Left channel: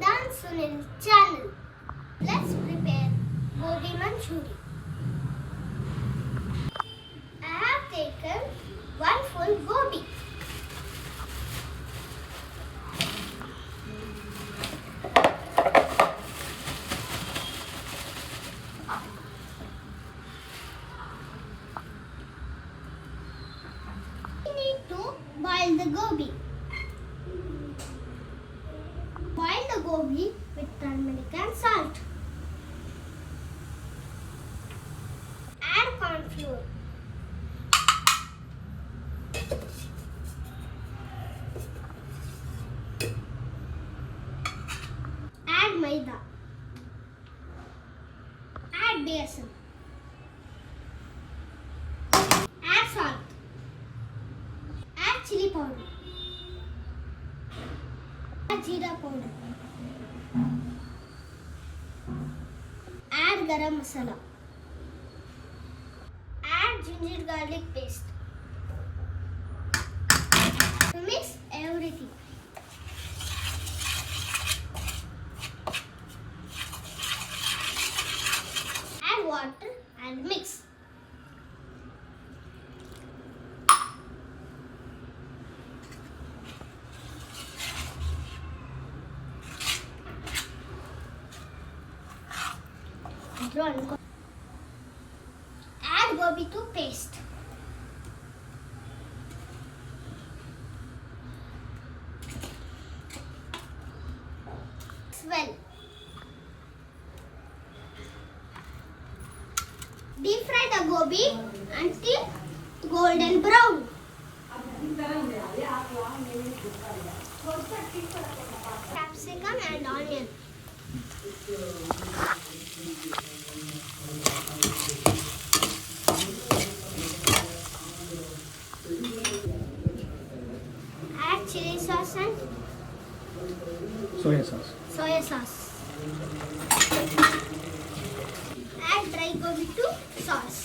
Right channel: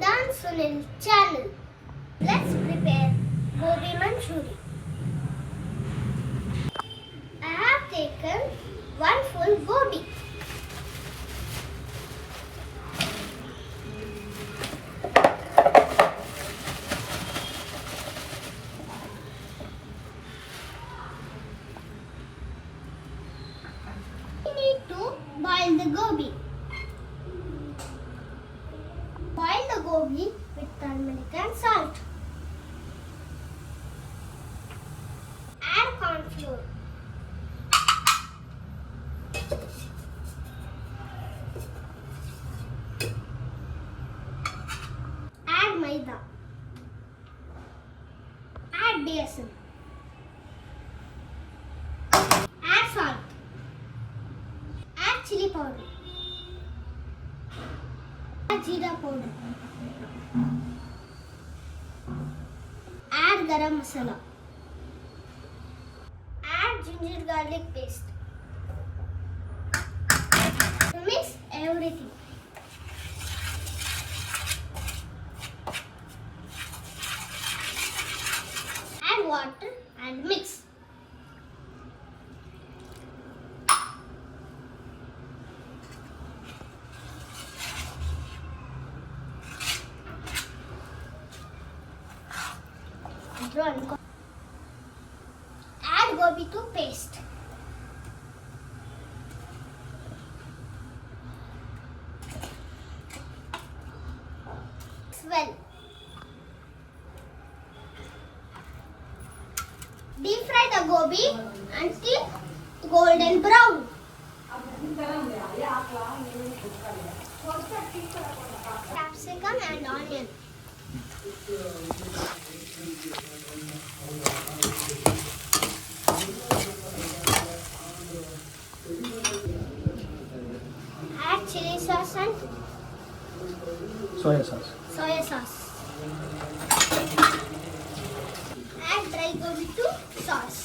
Idhant channel. Let's prepare Gobi Manchurian. I have taken one full gobi. We need to boil the gobi. Boil the gobi with turmeric and salt. Add corn flour. Add Maida. Add besan. Add salt. Add chili powder. Add jeera powder. Add garam masala. Add ginger garlic paste. Mix everything. Add water and mix. Add gobi to paste. Well, deep fry the gobi until golden brown. Capsicum and onion. Add chili sauce and soya sauce. soya sauce. Add dry gobi to sauce.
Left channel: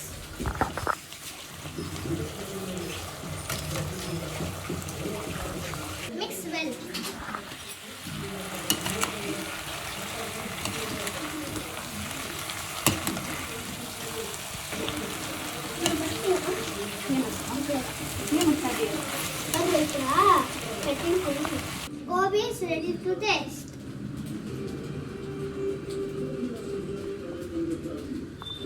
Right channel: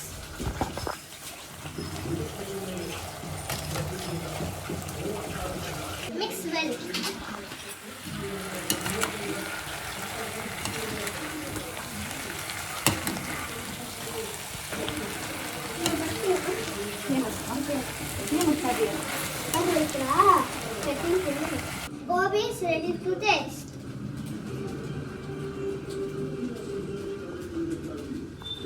Mix well. Gobi is ready to taste.